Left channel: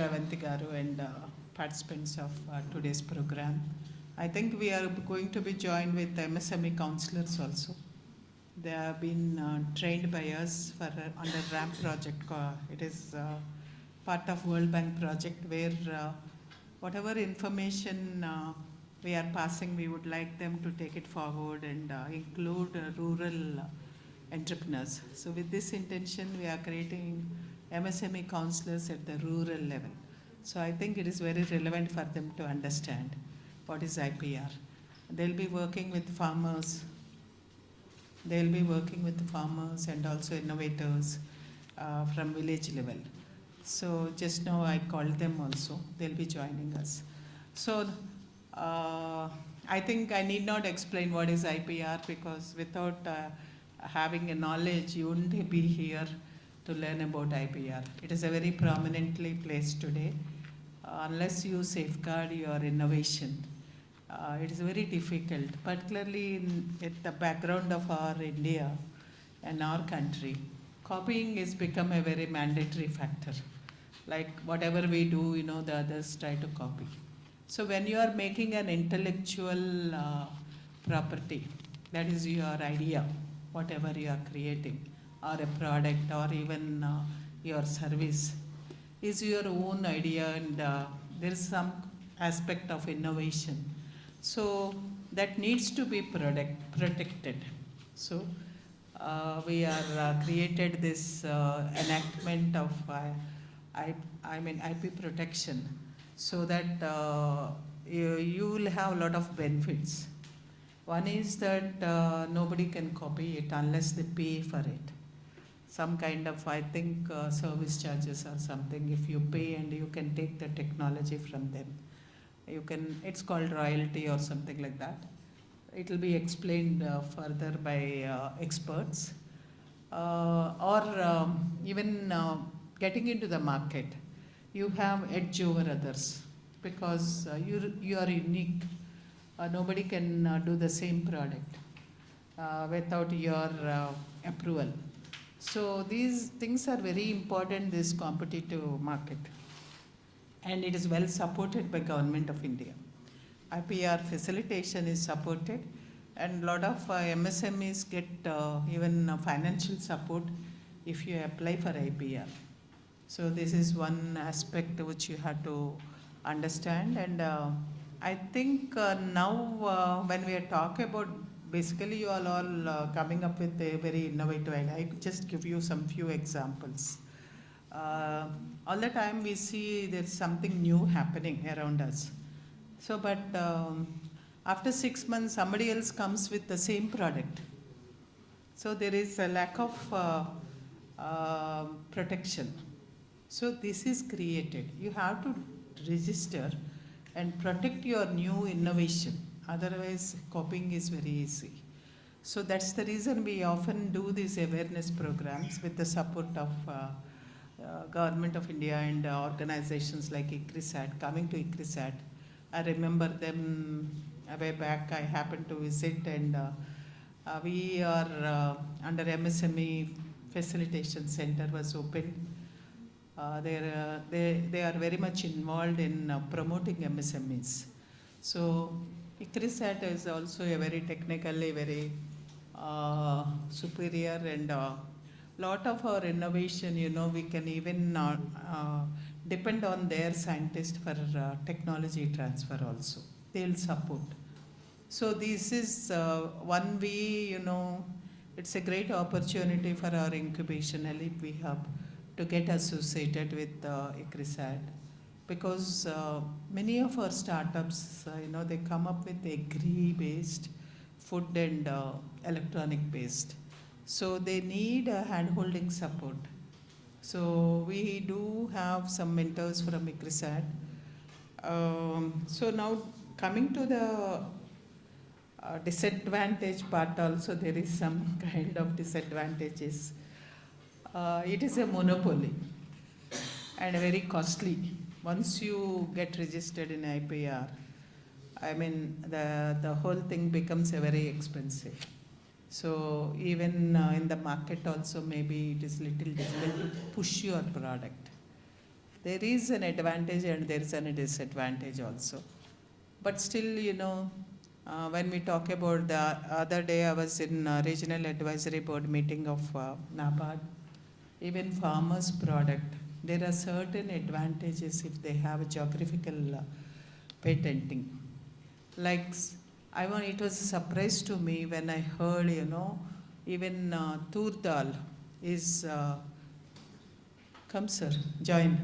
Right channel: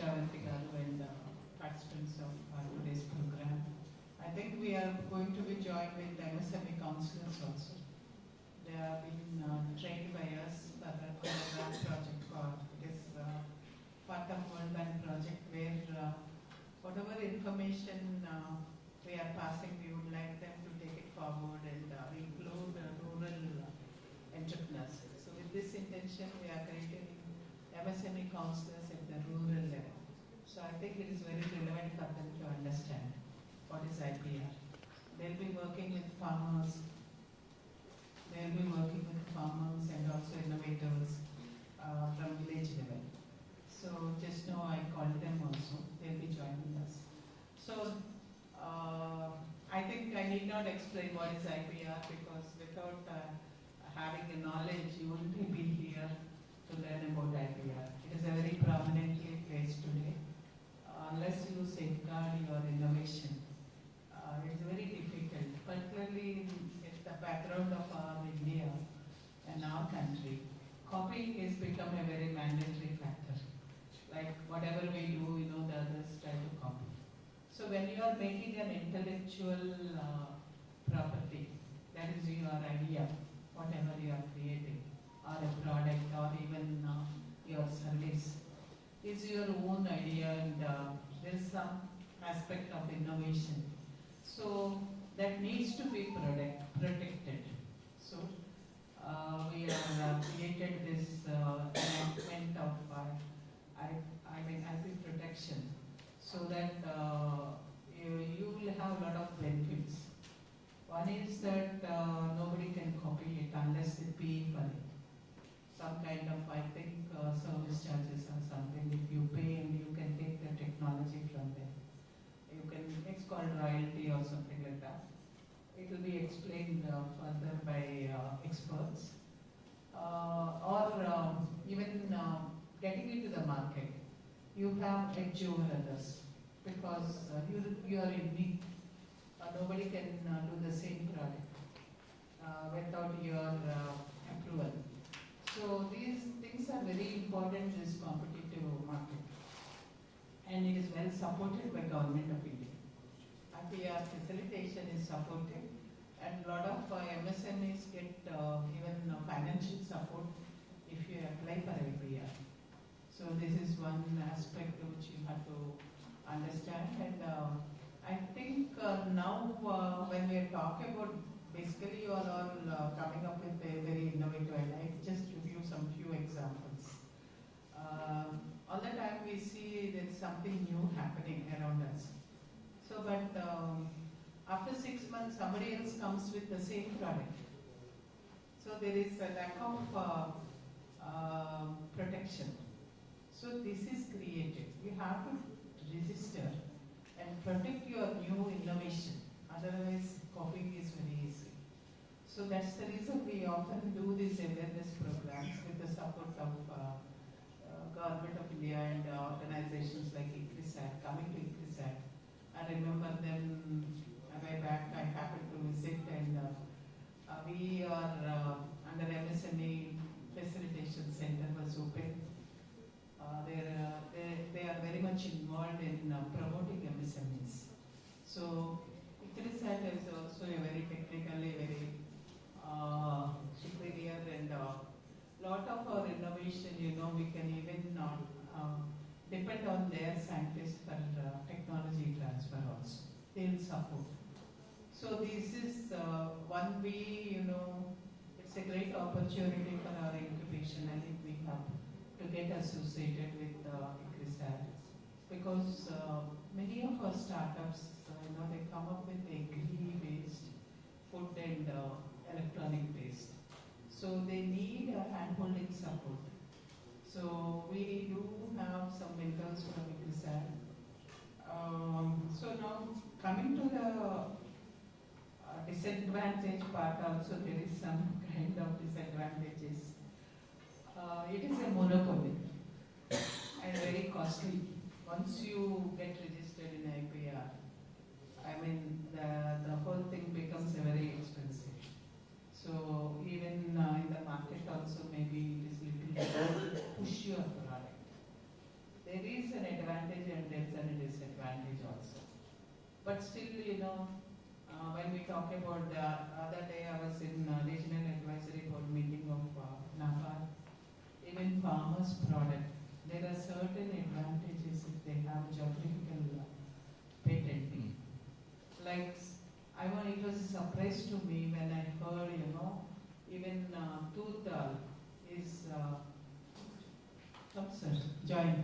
Shravanti Garu and participants of today's program. I think we are going to be joined with MSME counselors also. They have been trained by us for on the RAMP project. It is part of World Bank project where whatever information we are passing, we would like them to take it forward and include rural entrepreneurs. So with this intention, we are creating MSME counselors at the rural level. So I think it is very relevant for them to understand what is IPR. They'll be working with farmers. They'll be working with farmers and also innovators from village level. So just now I called them also. They'll be joining us. So I think I need not explain what is IPR, because without having a knowledge, you wouldn't be here to learn about IPR. It is a very prominently placed today. Unless you safeguard your innovation, it is very difficult, particularly at the background of our India and our country. Copying has become a very mandatory factor. Like whatever we do, the others try to copy. So when you are making an intellectual property, that is your idea, whatever you are creating, or a product, or even your service, is your own idea, and there is some aspect of innovation. So that needs to be protected. So we are created this enactment of IP protection, so that you will have a lot of benefits. One is that nobody can copy it unless they pay for it. Some kind of, I think, service charges or something. If you pay and you can take the technology from them, you can. It's called royalty or something like that. It will be explained further by experts. Or even getting into the market, you have edge over others because you are unique. Nobody can do the same product without your approval. So these things are very important, this competitive market, and it is well supported by Government of India. IPR facilitation is supported, and a lot of MSMEs get even financial support if you apply for IPR. So this is one aspect which you have to understand. And I think now when we are talking about, basically you are all coming up with a very innovative idea. I could just give you some few examples. All the time we see there's something new happening around us. So, but after 6 months, somebody else comes with the same product. So there is a lack of protection. So this is created. You have to register and protect your new innovation. Otherwise, copying is very easy. So that's the reason we often do these awareness programs with the support of Government of India and organizations like ICRISAT. Coming to ICRISAT, I remember them way back. I happened to visit, and we are under MSME Facilitation Center was opened. They are very much involved in promoting MSMEs. So ICRISAT is also a very technically very superior, and lot of our innovation, we can even depend on their scientists for technology transfer also. They'll support. So this is one way, it's a great opportunity for our incubation ALEAP we have to get associated with ICRISAT, because many of our startups, they come up with agri-based, food and electronic-based. So they need a hand-holding support. So we do have some mentors from ICRISAT. So now coming to the disadvantage part also, there is some kind of disadvantages. It is a monopoly and very costly. Once you get registered in IPR, the whole thing becomes a very expensive. So even in the market also, maybe it is little difficult to push your product. there is an advantage and there is a disadvantage also. But still, when we talk about the other day, I was in regional advisory board meeting of NABARD, even farmers' product. There are certain advantages if they have geographical patenting. Like, it was a surprise to me when I heard, even Tur Dal is, come sir, join.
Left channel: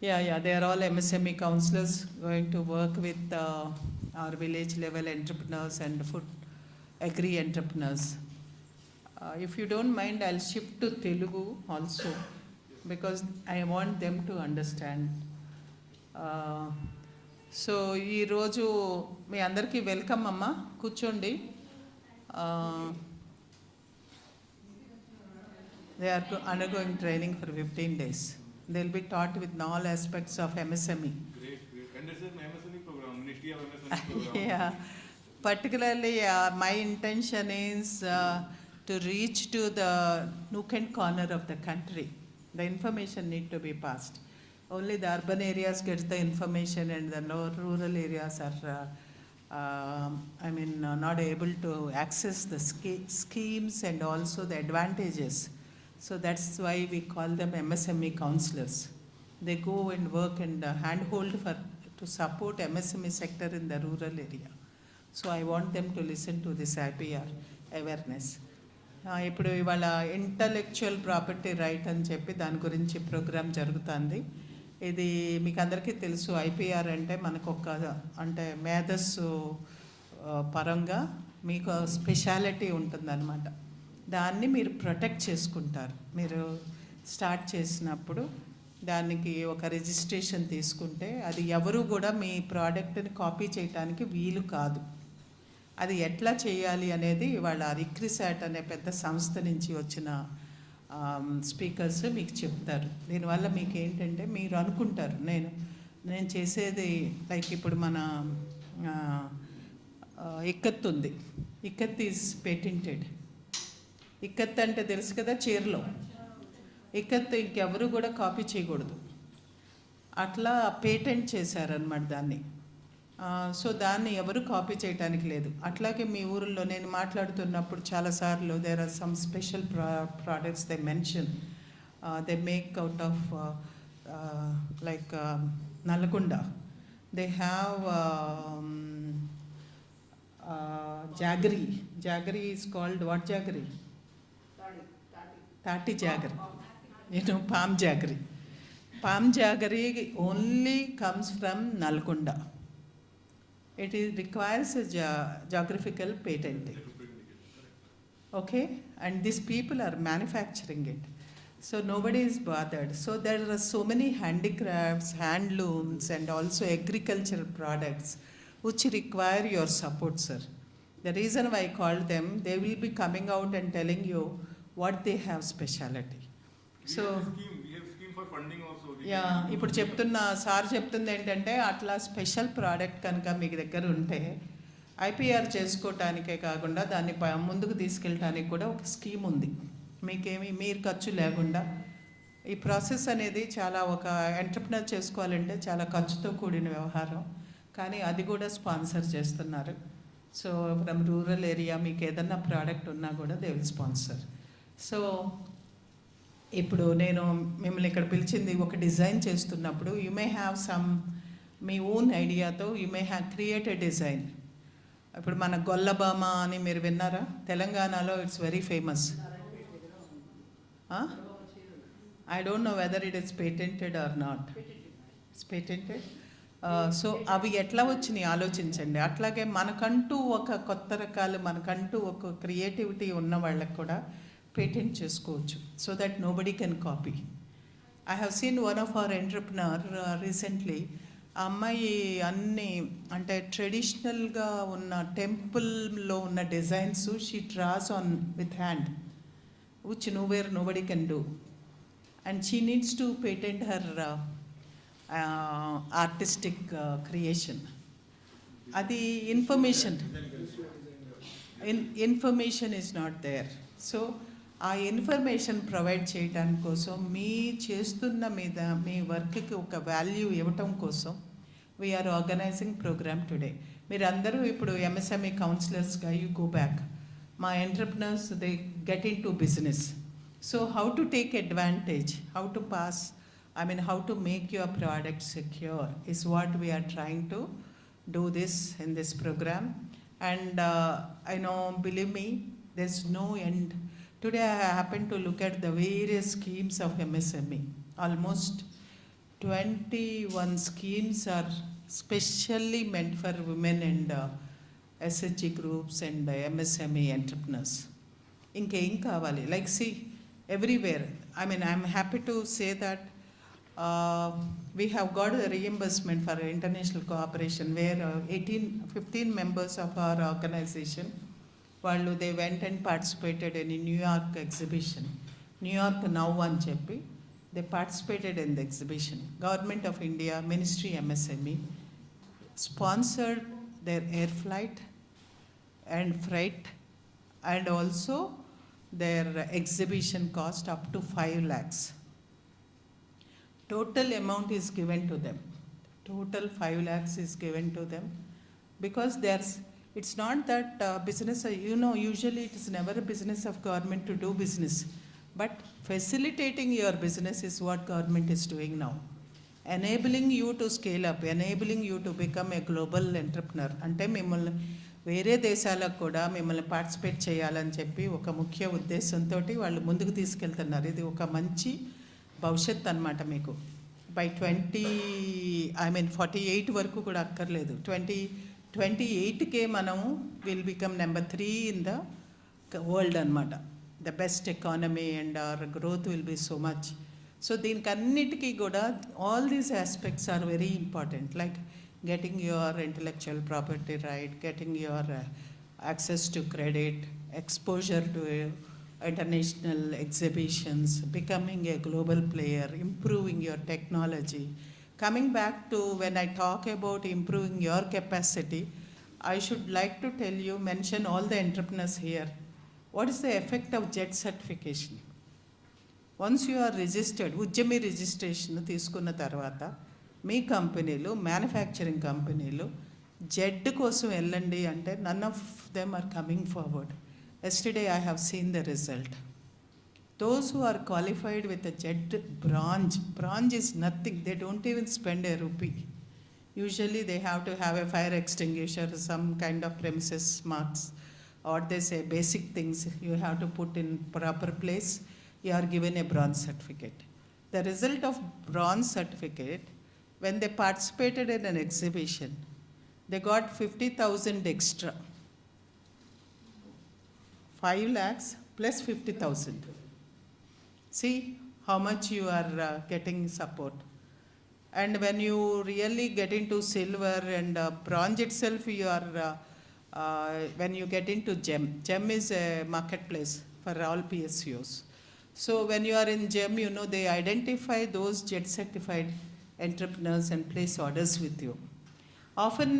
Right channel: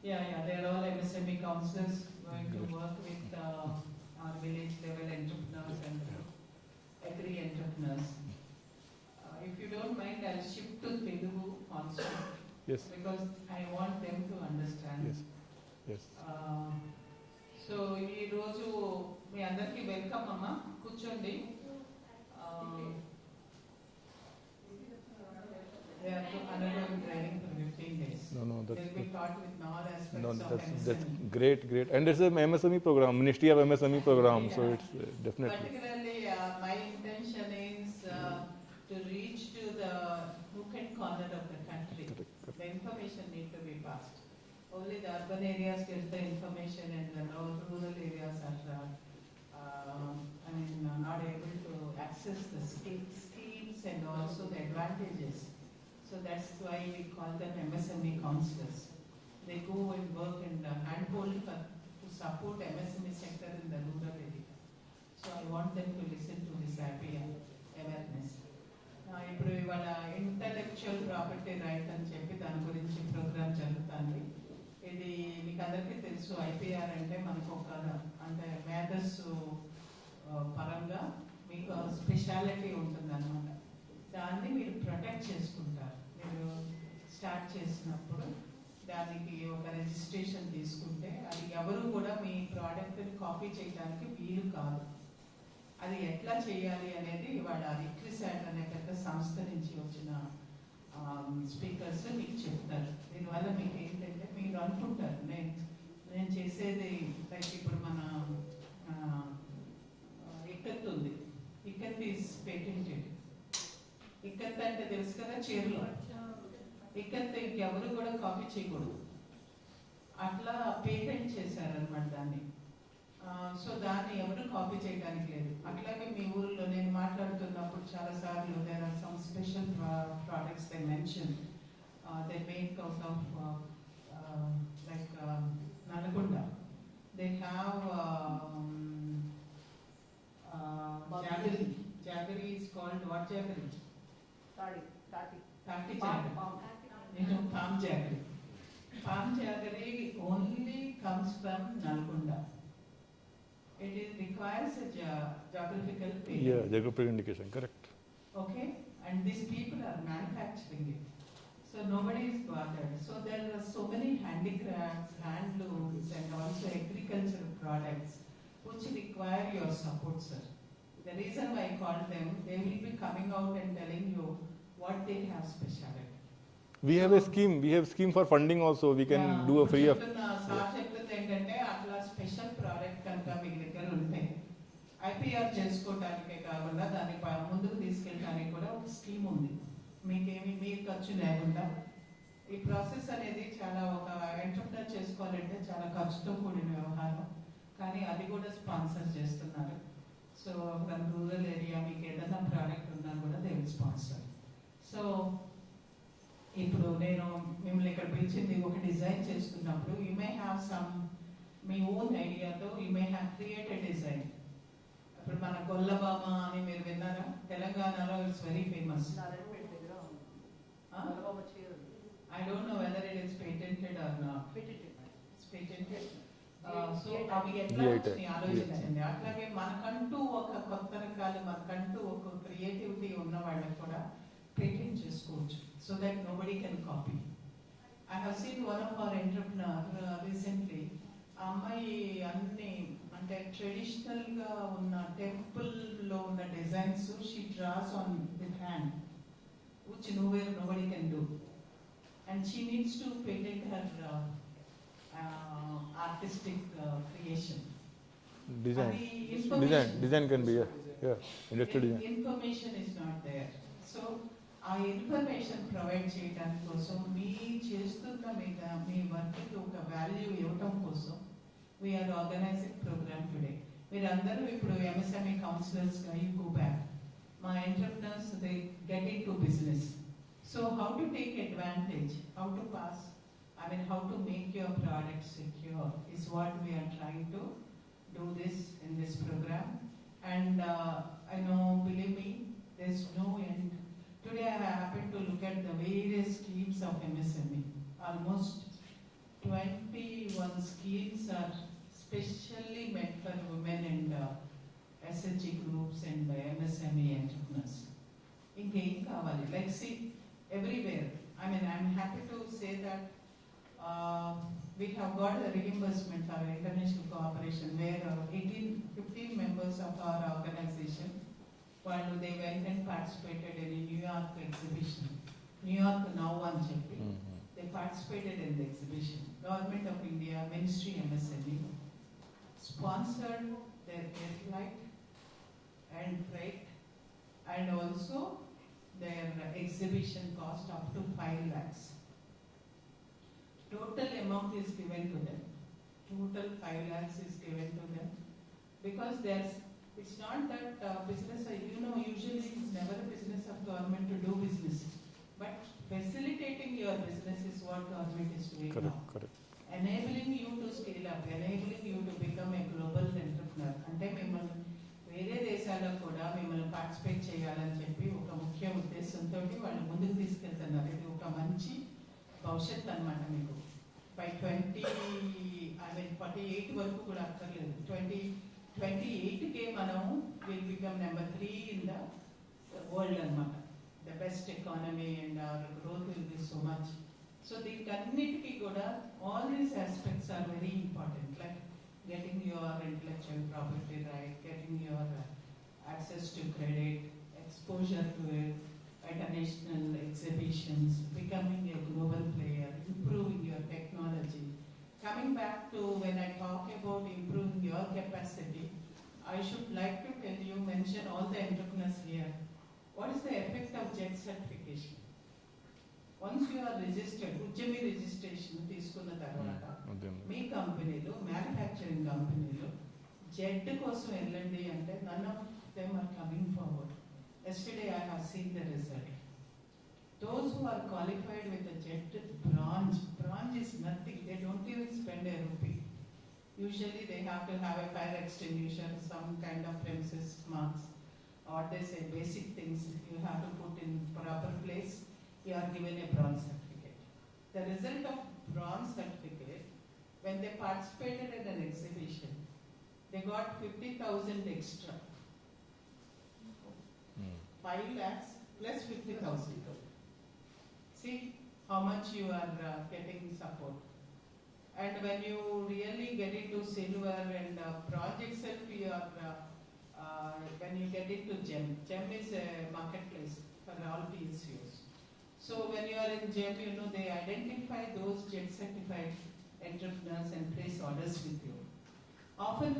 Yeah, they are all MSME counselors going to work with our village level entrepreneurs and food agri entrepreneurs. If you don't mind, I'll shift to Telugu also. Yes. Because I want them to understand. Yes. So ఈరోజు మీ అందరికీ welcome అమ్మా, కూర్చోండి. They are undergoing training for 15 days. They'll be taught with all aspects of MSME. Great. And it's an MSME program, Ministry of MSME program. Yeah. So it's, definitely. Particularly, my intention is to reach to the nook and corner of the country. The information need to be passed. Only the urban areas get the information and the rural areas are, not able to access the schemes and also the advantages. So that's why we call them MSME counselors. They go and work and handhold to support MSME sector in the rural area. So I want them to listen to this IPR awareness. ఇప్పుడు ఇవాళ intellectual property right అని చెప్పి దాని గురించి programme జరుగుతుంది. ఇది మీకు అందరికీ తెలుసు, ఐపీఆర్ అంటే మనకు అంటే మేధస్సు పరంగా మీకు స్పెషాలిటీ ఉంటుందన్నమాట. దాన్ని మీరు ప్రొటెక్ట్ చేసుకుంటారు. మీరు స్టార్ట్ చేసినప్పుడు దానికి ఒక రిజిస్ట్రేషన్ తీసుకుంటే అది ఎవరు కూడా మీ ప్రోడక్ట్ని కాపీ చేయడానికి వీలు కాదు. అది ఎట్లా చేయాలి అనేది ఇవాళ ICRISAT అనే పెద్ద సంస్థ నుంచి వచ్చిన స్పీకర్స్ మీకు చెప్తారు. దీనివల్ల మీకు ఏంటంటే మీరు అనుకుంటారు నేను చేసేది లైక్ ఇప్పుడు మన ఇక్కత్ ఉంది. Ikat is patented. ఇక్కత్ అంటే తెలుసు కదా, చీరలో ఇక్కత్ ఇంకెవరు కూడా కాపీ చేయకూడదు. అట్లా పేటెంట్ చేశారనమాట దాన్ని. సో దాన్ని ఎవరు కాపీ చేయడానికి లేదు. అట్లాగే మీ ఊరిలో నేను మాట్లాడుతున్నప్పుడు చాలాసార్లు there are some special products they mention, they make out of like Nalgonda. They have jaggery. Jaggery is called what jaggery? తాటి jaggery. Palm jaggery. Palm jaggery only comes from Nalgonda. It requires a geographical patent. Yeah, geographical indication, correct. Okay, and these people are manufacturing it. So nobody is bothered. So there are so many handicrafts, handlooms and also agricultural products which require your support, sir. The reason why I called them, they will be coming out and telling you what they have speciality. We have a scheme for funding also. We can do a free of. Sir చెప్తుంది ఏంటంటే అట్లా special product కనుక మీ దగ్గర ఉంటే IPR చేసుకోవటానికే కాకుండా దాన్ని ముందుకు తీసుకెళ్ళటానికి కూడా ఒక స్కీమ్ ఉంది. మీరు ఖర్చు లేకుండా ఈ ప్రాసెస్ అనేది చాలా ఒక ఎంటర్ప్రెన్యూర్ చేసుకోవాలంటే చాలా ఖర్చుతో కూడిన వ్యవహారం. కానీ అది కూడా స్పాన్సర్ చేస్తున్నారు. సో ఫ్రమ్ రూరల్ ఏరియా మీకు ఏదన్నా ప్రోడక్ట్ ఉన్నా కూడా దే విల్ స్పాన్సర్. సో ఇప్పుడు నేను మిమ్మల్ని ఇక్కడ పిలిచింది ఒక డిజైన్ చేస్తున్నప్పుడు యూ మే హ్యావ్ సమ్ మీ ఓన్ ఐడియాతో you may have create a design. ఇప్పుడు మన గొల్లబామ అని మీరు విన్నారా? తెలంగాణలో it's very famous. I don't know whether it is patented or not. It's patented. So అవి ఎట్లా వచ్చినాయి ఆలోచించండి. అట్లాగే మనకంటూ ఒక కొత్త రకాలు, మనకంటూ ఒక క్రియేటివిటీ ఉన్న వాళ్ళకి కూడా పేటెంట్ చేసుకోవచ్చు. So that nobody can copy. I have seen one of our entrepreneur recently. ఆ అమ్మాయి అన్ని అంటే ట్రెడిషనల్గా ఉన్న టెంపుల్లో ఉన్న designs she draws on with hand which nobody can do. And she needs to patent her artistic creation. అది information. Design can be, yeah. Information is not there. So ఆ ఇన్ఫర్మేషన్ ప్రొవైడ్ చేయడానికి కోసం మీ చేస్తున్న మీద మీ వర్క్కి ఒక వాల్యూ ఇవ్వటం కోసం వీఆర్ ఆర్గనైజింగ్ ప్రోగ్రామ్ టుడే. మీరందరూ ఇప్పుడు ఎంఎస్ఎంఈ కౌన్సిలర్స్గా యూ గో బ్యాక్. మా entrepreneurs they get in to business. So how to take advantage, how to pass, how to make your product secure is what we are trying to do this in this program. And I know, believe me, there's no end. Today I happened to look at the various schemes of MSME. Almost 21 schemes are specially meant for women and SHG groups and MSME entrepreneurs. Inkeem kavali, like see everywhere. I'm happy to say that we have got a reimbursement for international cooperation where 15 members of our organization, they went and participated in a New York exhibition. New York Now అని చెప్పి they participated in the exhibition. Government of India, Ministry MSME sponsored their air flight and freight and also their exhibition cost up to 5 lakhs. Total amount is given to them. Total 5 lakhs is given to them because it's not that business, usually it is never a business of government to do business, but facilitating your business is what government is doing now. Correct. Enabling you to scale up, enabling you to become a global entrepreneur. అంటే మిమ్మల్ని వేరే దేశాలకు కూడా మిమ్మల్ని participate చేయాలని చెప్పి ఒక ముఖ్య ఉద్దేశంతో వాళ్ళు ముందుకు తీసుకెళ్తున్నారు. ఇది ఒక మంచి భవిష్యత్ అన్నమాట మీకు. బై 48 వరకు కూడా అక్కర్లేదు, 2028కే మనం will become number 3 in the world అన్నమాట. The best economy and our growth will be so much. So దీనికి అన్నిటికీ కూడా all these aspects are very important, like getting your intellectual property right, getting your access to credit, exposure to international exhibitions, becoming a global player, improving your technology. Coming back to when I talk about improving your capacity, I should like to tell you, mention all the entrepreneurs here. What is the effect of JET certification? Once you are registered, ఉద్యమి registration తీసుకున్న తర్వాత మీ కంపెనీలు, manufacturing కంపెనీలు Z కోసం వెళ్ళండి అంటే none of them are coming forward. Yesterday I have seen the result. Those who are qualified with a JET bronze is nothing. They don't even spend a rupee. Usually they have to have a fire extinguisher, some kind of premises marks, or they say basic things you have to put in proper place. You are given a bronze certificate. The result of bronze certificate, when they participated in an exhibition, they got 50,000 extra. 5 lakhs plus 50,000. See how much you are getting support. And when you really get into silver and bronze itself, you are when you get into gem is a marketplace for all PSUs. So when you are in gem, they identify those JET certified entrepreneurs and place orders with you. Often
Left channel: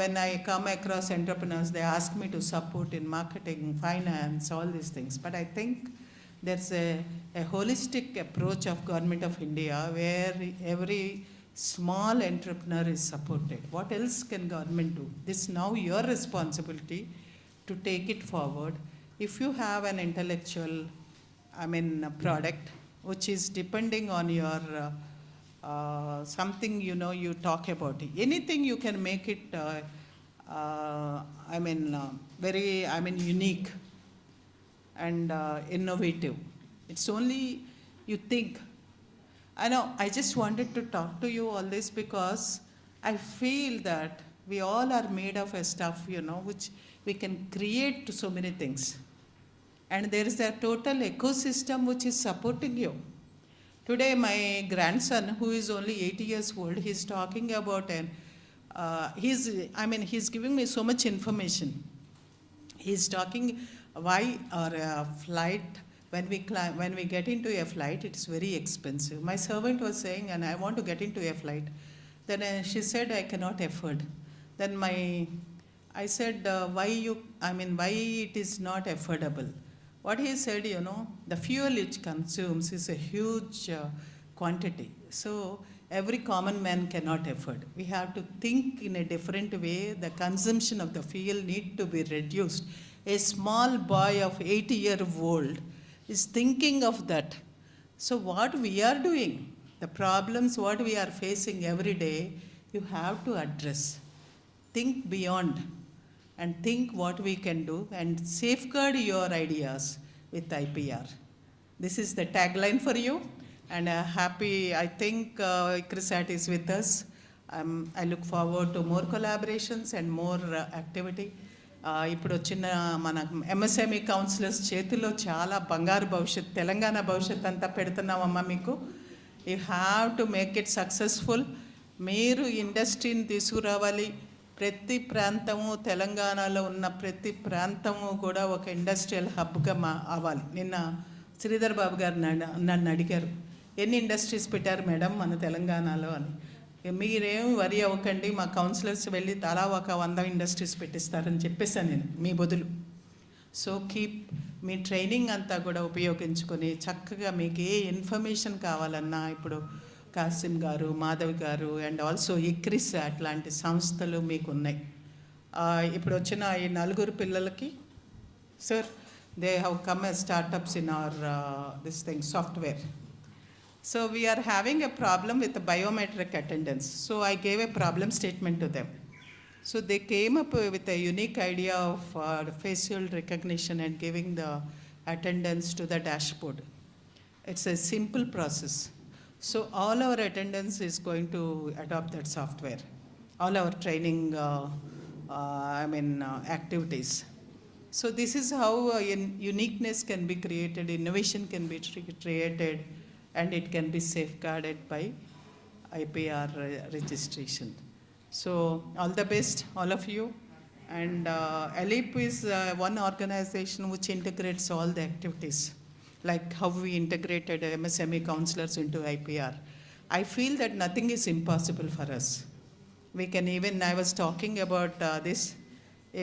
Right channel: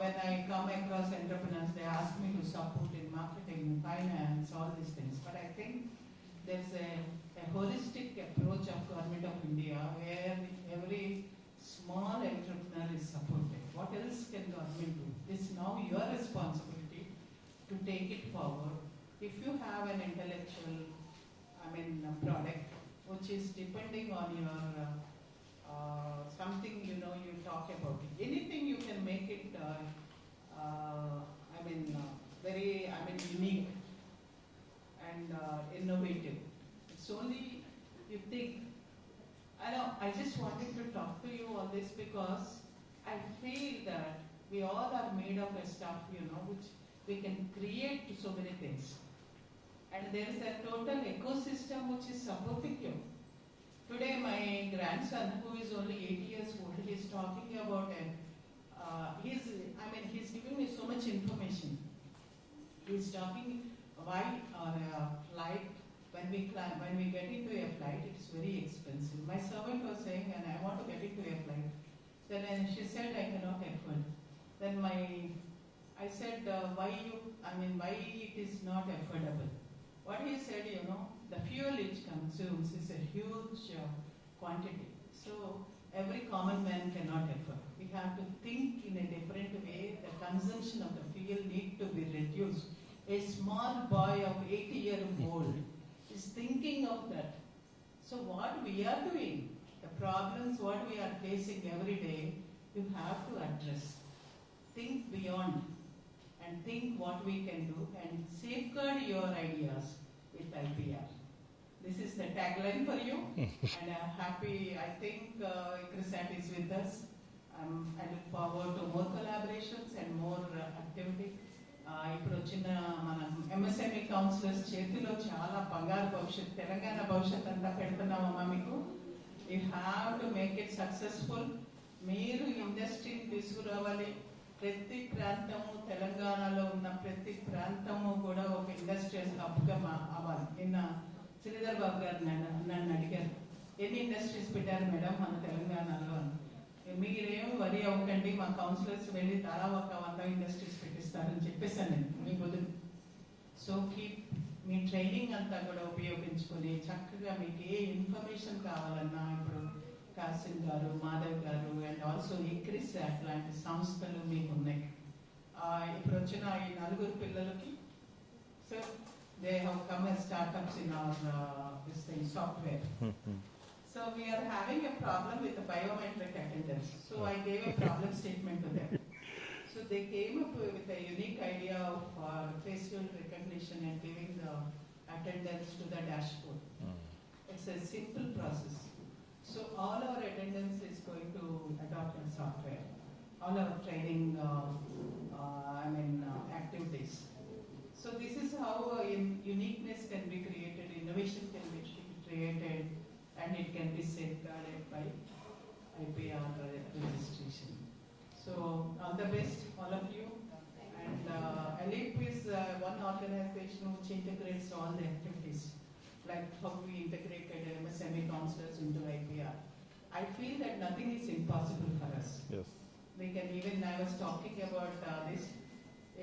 when I come across entrepreneurs, they ask me to support in marketing, finance, all these things. But I think there's a holistic approach of Government of India where every small entrepreneur is supported. What else can government do? This is now your responsibility to take it forward. If you have an intellectual, product which is depending on your something you talk about it. Anything you can make it very unique and innovative. It's only you think. I know, I just wanted to talk to you all this because I feel that we all are made of a stuff which we can create so many things, and there is a total ecosystem which is supporting you. Today my grandson, who is only 8 years old, he's talking about he's giving me so much information. He's talking why our flight, when we get into a flight, it's very expensive. My servant was saying, and I want to get into a flight. Then she said, I cannot afford. Then I said, why it is not affordable? What he said, you know, the fuel it consumes is a huge quantity. So every common man cannot afford. We have to think in a different way. The consumption of the fuel need to be reduced. A small boy of 80-year-old is thinking of that. So what we are doing, the problems what we are facing every day, you have to address. Think beyond and think what we can do and safeguard your ideas with IPR. This is the tagline for you, and happy, I think ICRISAT is with us. I look forward to more collaborations and more activity. ఇప్పుడు వచ్చిన మన MSME counsellors చేతిలో చాలా బంగారు భవిష్యత్, తెలంగాణ భవిష్యత్ అంతా పెడుతున్నామమ్మా మీకు. You have to make it successful. మీరు ఇండస్ట్రీని తీసుకురావాలి. ప్రతి ప్రాంతము, తెలంగాణలో ఉన్న ప్రతి ప్రాంతము కూడా ఒక ఇండస్ట్రియల్ హబ్గా అవ్వాలి. నిన్న శ్రీధర్ బాబు గారు నన్ను అడిగారు, ఎన్ని ఇండస్ట్రీస్ పెట్టారు మేడం మన తెలంగాణలో అని. మీరేం వరి అవ్వకండి, మా కౌన్సిలర్స్ వెళ్ళి తలా ఒక 100 ఇండస్ట్రీస్ పెట్టిస్తారని చెప్పేశాను నేను మీ బదులు. సో కీప్ మీ ట్రైనింగ్ అంతా కూడా ఉపయోగించుకొని చక్కగా మీకు ఏ ఇన్ఫర్మేషన్ కావాలన్నా ఇప్పుడు కాసిం గారు, మాధవ్ గారు అండ్ ఆల్సో ICRISAT లాంటి సంస్థలు మీకు ఉన్నాయి. ఇప్పుడు వచ్చిన ఈ 4 పిల్లలకి sir they have come as startups in our this thing software. So we are having a problem with the biometric attendance. So I gave a problem statement to them. So they came up with a unique idea of facial recognition and giving the attendance to the dashboard. It's a simple process. So all our attendance is going to adopt that software. All our training, activities. So this is how uniqueness can be created, innovation can be created, and it can be safeguarded by IPR registration. So all the best, all of you. And ALEAP is one organization which integrates all the activities, like how we integrated MSME counselors into IPR. I feel that nothing is impossible for us. Yes. We can even, I was talking about this,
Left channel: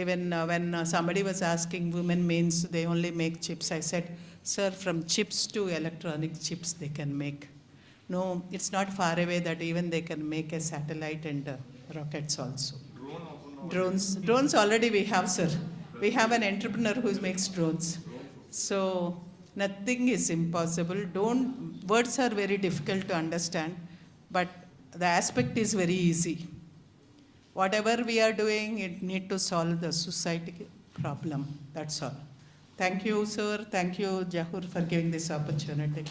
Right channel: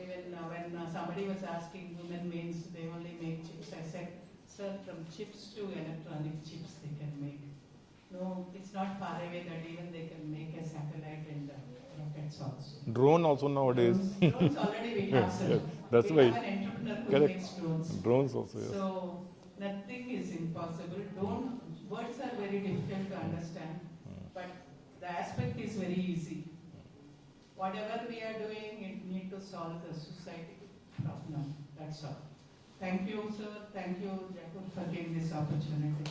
even when somebody was asking women means they only make chips, I said, sir, from chips to electronic chips they can make. No, it's not far away that even they can make a satellite and rockets also. Drone also nowadays. Drones already we have, sir. That's We have right. an entrepreneur who Correct. makes drones. Drones also. So nothing is impossible. Words are very difficult to understand, but the aspect is very easy. Whatever we are doing, it need to solve the society problem. That's all. Thank you, sir. Thank you, Jahur, for giving this opportunity.